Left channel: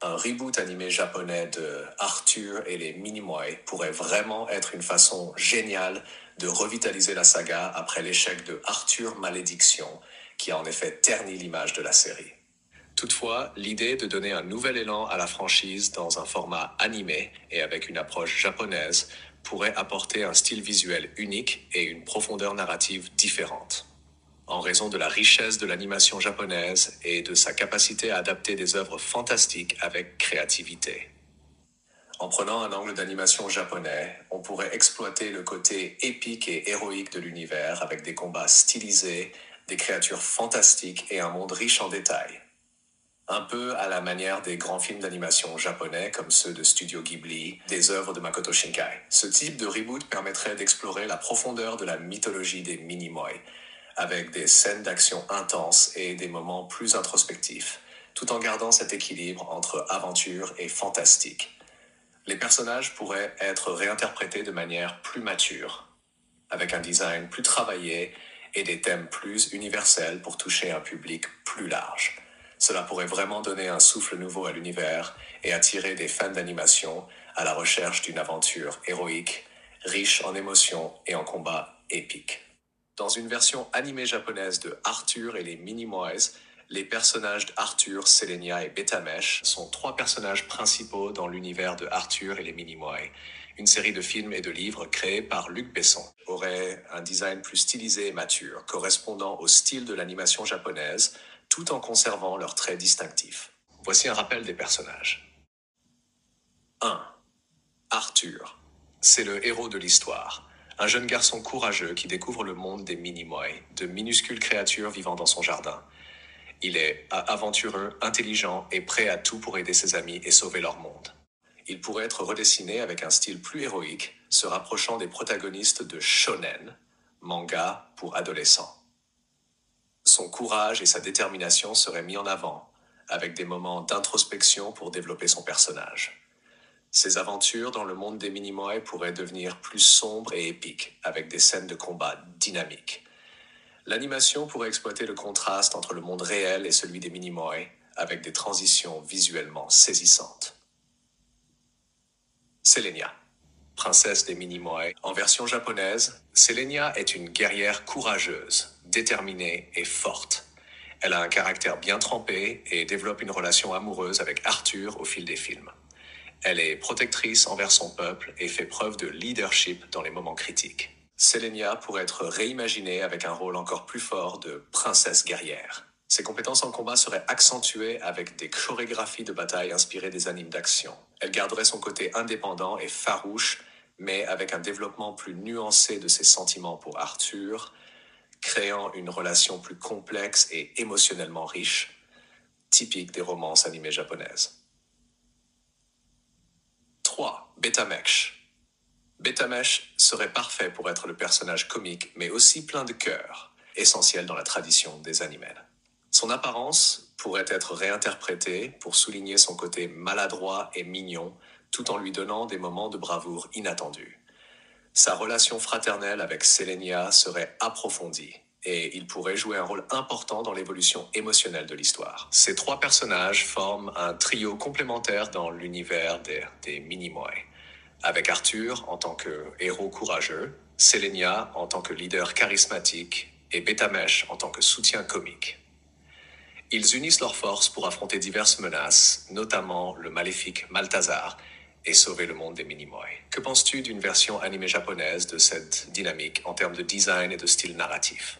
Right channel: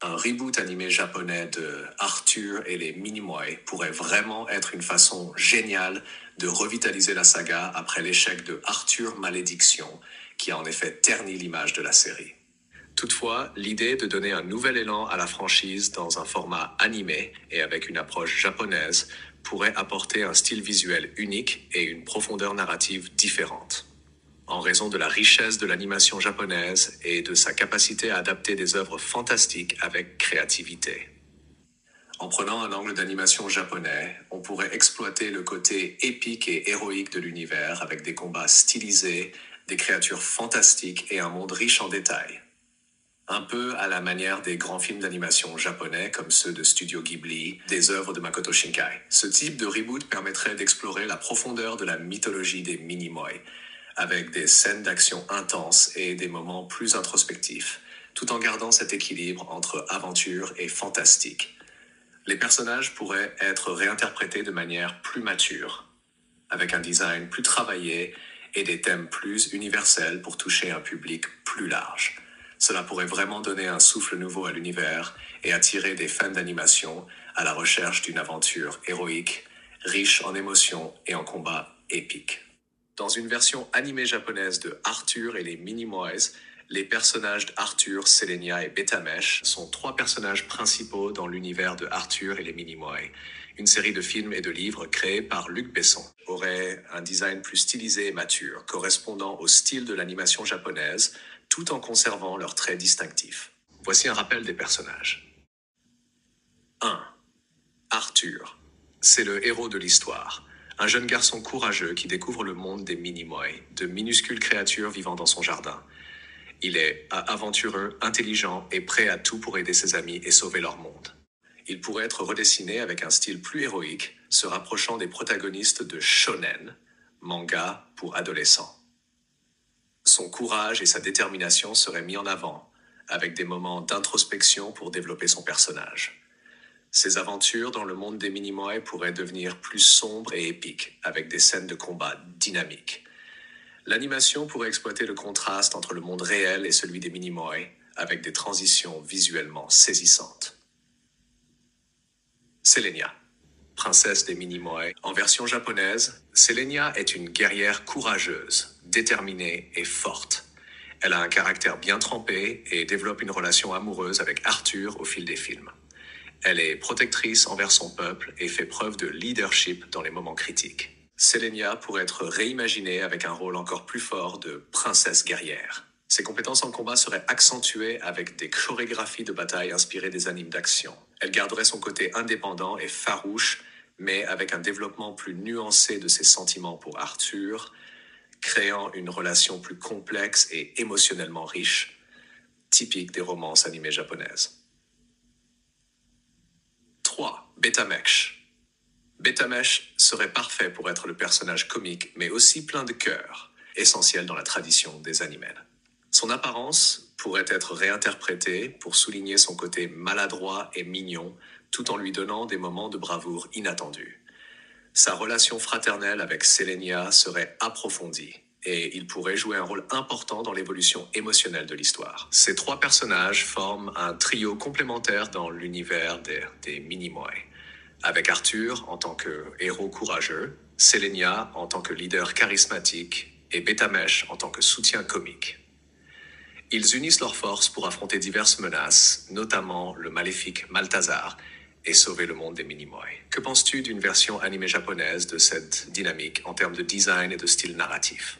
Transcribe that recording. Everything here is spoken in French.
Un reboot animé japonais de Arthur et les Minimoy pourrait vraiment être une façon géniale de revitaliser la saga après l'échec de Arthur Malédiction, qui a en effet terni l'image de la série. Toutefois, l'idée de donner un nouvel élan à la franchise dans un format animé et avec une approche japonaise pourrait apporter un style visuel unique et une profondeur narrative différente. En raison de la richesse de l'animation japonaise et de sa capacité à adapter des œuvres fantastiques avec créativité. En prenant un angle d'animation japonais, on pourrait exploiter le côté épique et héroïque de l'univers avec des combats stylisés, des créatures fantastiques et un monde riche en détails. Un peu à la manière des grands films d'animation japonais comme ceux de Studio Ghibli, des œuvres de Makoto Shinkai. Ce type de reboot permettrait d'explorer la profondeur de la mythologie des Minimoy, avec des scènes d'action intenses et des moments plus introspectifs, tout en gardant cet équilibre entre aventure et fantastique. Les personnages pourraient être réinterprétés de manière plus mature, avec un design plus travaillé et des thèmes plus universels pour toucher un public plus large. Cela pourrait vraiment donner un souffle nouveau à l'univers et attirer des fans d'animation à la recherche d'une aventure héroïque, riche en émotions et en combats épiques. Dans une version animée japonaise de Arthur et les Minimoys, les personnages d'Arthur, Selenia et Betamesh sont 3 personnages principaux dans l'univers de Arthur et les Minimoys. Une série de films et de livres créés par Luc Besson aurait un design plus stylisé et mature, correspondant au style de l'animation japonaise, tout en conservant leurs traits distinctifs. Voici un rappel des personnages. 1. Arthur. C'est le héros de l'histoire. Un jeune garçon courageux qui découvre le monde des Minimoy, de minuscules créatures vivant dans son jardin. Il est aventureux, intelligent et prêt à tout pour aider ses amis et sauver leur monde. Il pourrait être redessiné avec un style plus héroïque, se rapprochant des protagonistes de shonen, manga pour adolescents. Son courage et sa détermination seraient mis en avant, avec des moments d'introspection pour développer son personnage. Ses aventures dans le monde des Minimoy pourraient devenir plus sombres et épiques, avec des scènes de combat dynamiques. L'animation pourrait exploiter le contraste entre le monde réel et celui des Minimoy, avec des transitions visuellement saisissantes. Selenia, princesse des Minimoy. En version japonaise, Selenia est une guerrière courageuse, déterminée et forte. Elle a un caractère bien trempé et développe une relation amoureuse avec Arthur au fil des films. Elle est protectrice envers son peuple et fait preuve de leadership dans les moments critiques. Selenia pourrait être réimaginée avec un rôle encore plus fort de princesse guerrière. Ses compétences en combat seraient accentuées avec des chorégraphies de bataille inspirées des animes d'action. Elle garderait son côté indépendant et farouche, mais avec un développement plus nuancé de ses sentiments pour Arthur, créant une relation plus complexe et émotionnellement riche, typique des romances animées japonaises. 3. Betamesh. Betamesh serait parfait pour être le personnage comique, mais aussi plein de cœur, essentiel dans la tradition des animés. Son apparence pourrait être réinterprétée pour souligner son côté maladroit et mignon, tout en lui donnant des moments de bravoure inattendus. Sa relation fraternelle avec Selenia serait approfondie, et il pourrait jouer un rôle important dans l'évolution émotionnelle de l'histoire. Ces 3 personnages forment un trio complémentaire dans l'univers des Minimoy, avec Arthur en tant que héros courageux, Selenia en tant que leader charismatique et Betamesh en tant que soutien comique. Ils unissent leurs forces pour affronter diverses menaces, notamment le maléfique Malthazar, et sauver le monde des Minimoy. Que penses-tu d'une version animée japonaise de cette dynamique en termes de design et de style narratif ?